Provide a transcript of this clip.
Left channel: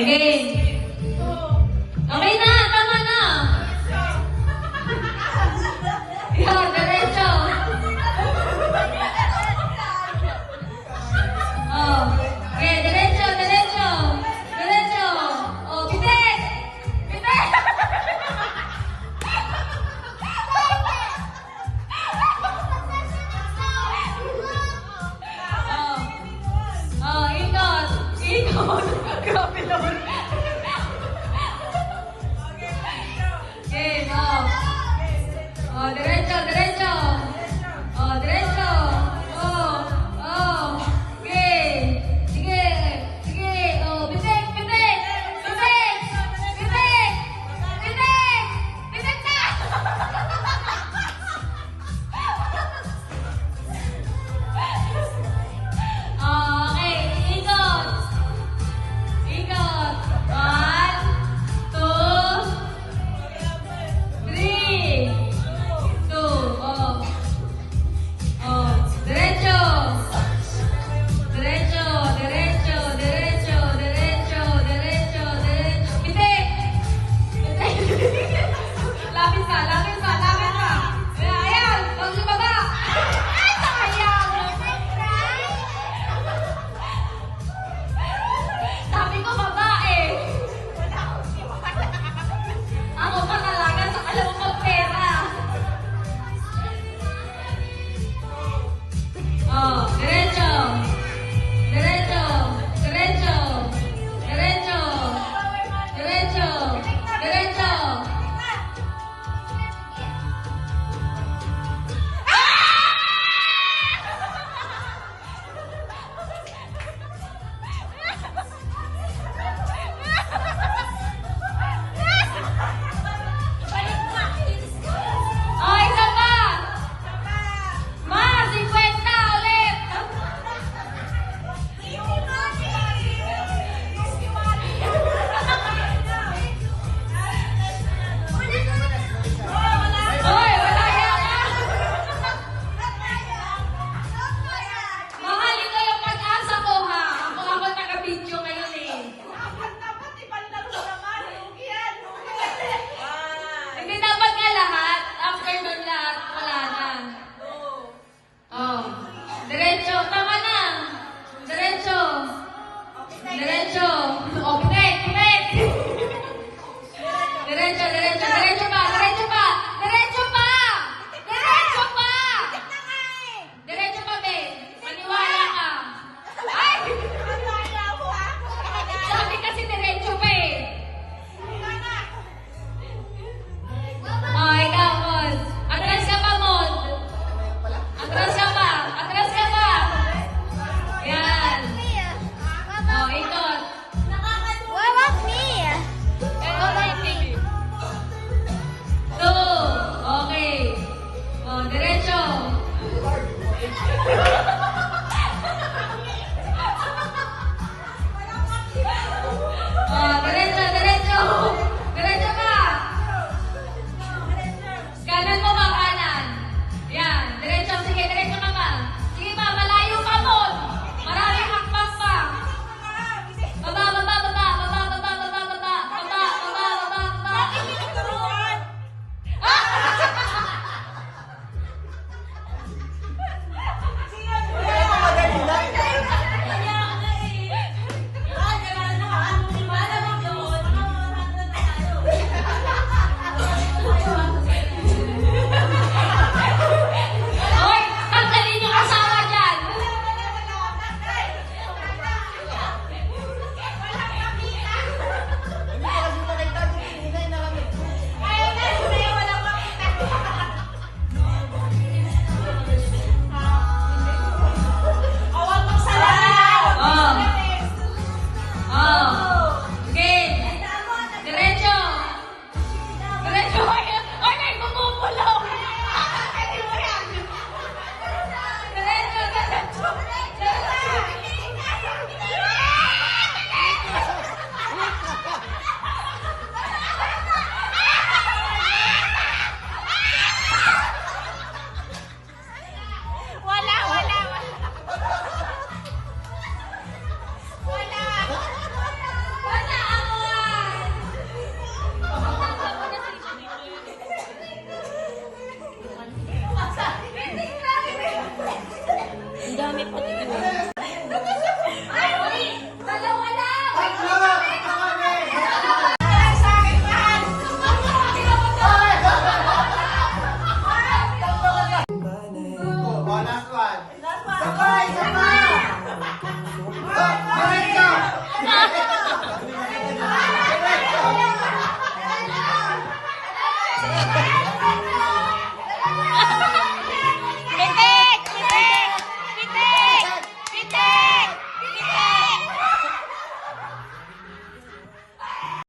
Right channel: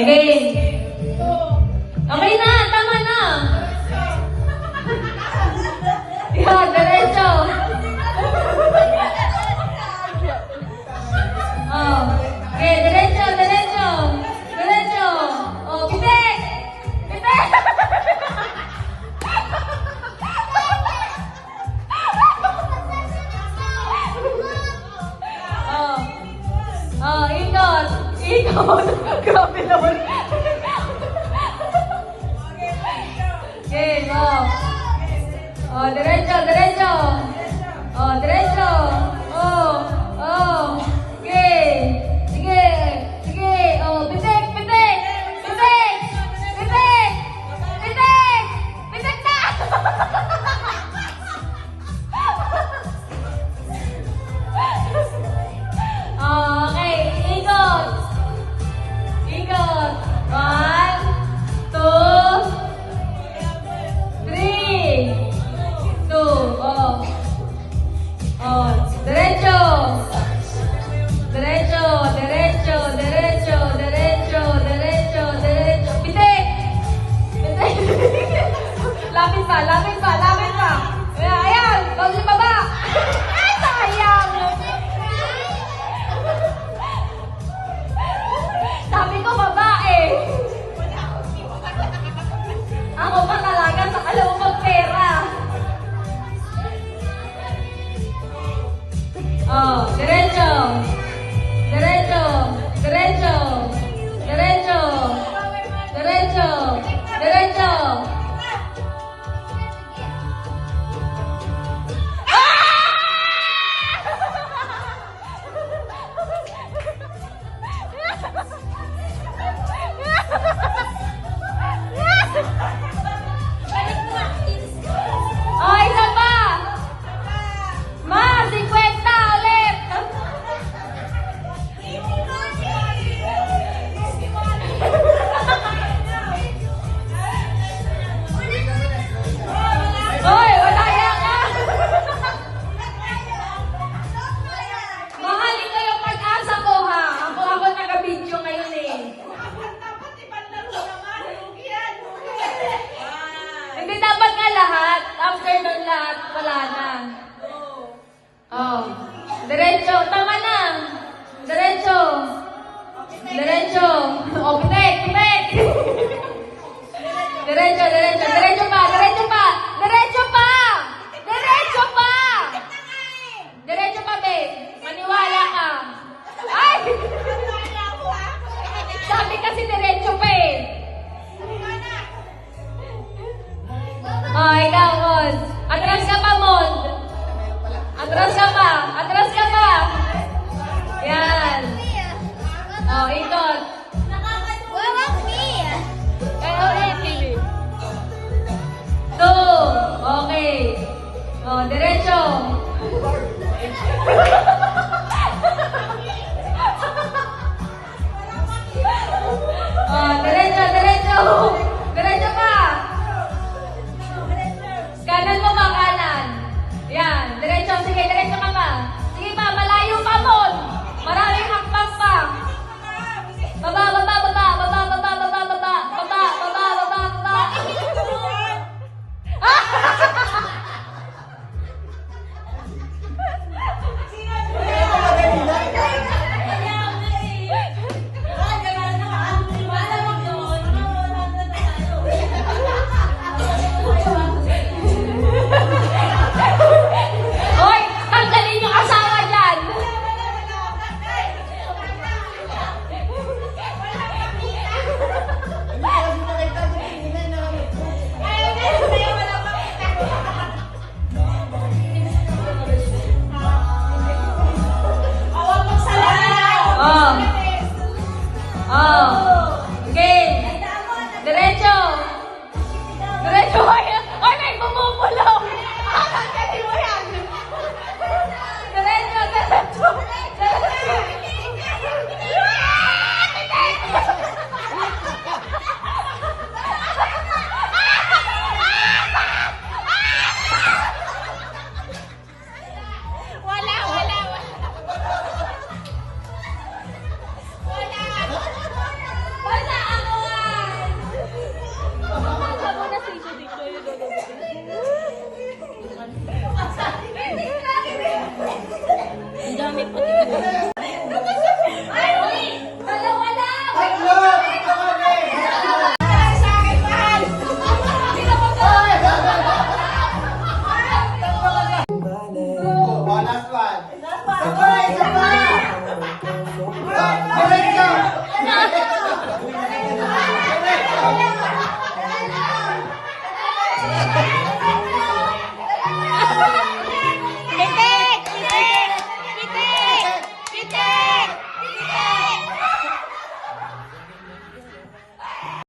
Again. Okay na, tama na. Yan, diretso. Oh, okay, diretso, diretso. Diretso. Oh, pitik. Pitik. Oh, ikot. Ikot. Grabe naman. Okay, go. Oh, diretso, diretso. Oh, diretso. Oh, oh. Okay. Sige, sige. Oh, pitik, pitik. Pitik. Pitik. Pitik. Pitik na. Okay, ikot. Ikot. 1, 2, 3, 2. Oh. Oh, derecho. Derecho, derecho, derecho, derecho, derecho, derecho. Pitik. Pitik. Lapit pa, lapit pa, lapit pa. Ayan, huwag sa baba. Ay, sayang. Sabi ko babae. Ako makalaga sa alam mo magpera. Oh, derecho. Derecho. Derecho. Derecho. Derecho. Derecho. Oh, isa pa. Ma, 50 ulit. Hoy, wala yan. Mahal, ito yung pag-asa ko, ha? Ako taga-video ngayon, eh. Hindi dapat na lahat. After nun lahat, wala na. Oh. Derecho. Tama na. Derecho. Derecho. Oh, pitik. Pitik. Derecho, derecho. Derecho pa. Derecho pa. Derecho pa. Derecho pa. Derecho pa, babe. Maniwala ka. Ay! Sabi kasi derecho pa, eh. Oh, ikaw, Mon. Atras ka pa, Mon. Atras ka pa. Atras ka pa. Yan. Oh, ikot. Two. Okay. Oh, diretso. Oh, diretso, diretso. Diretso pa. Kanan mo ba, kanan? Yan, diretso. Sige, diretso ka pa. Sige pa, malayo pa, Mon. Maraming hakbang pa. Baba, baba, baba, baba, baba, baba, baba, baba, baba, baba, baba. Hoy, tanggalin yung asawa dyan. Oh. Oh. Okay. Diretso. Diretso. Ay, may bumubulong. Diretso, diretso. Sabay, sabay! Diretso! Diretso!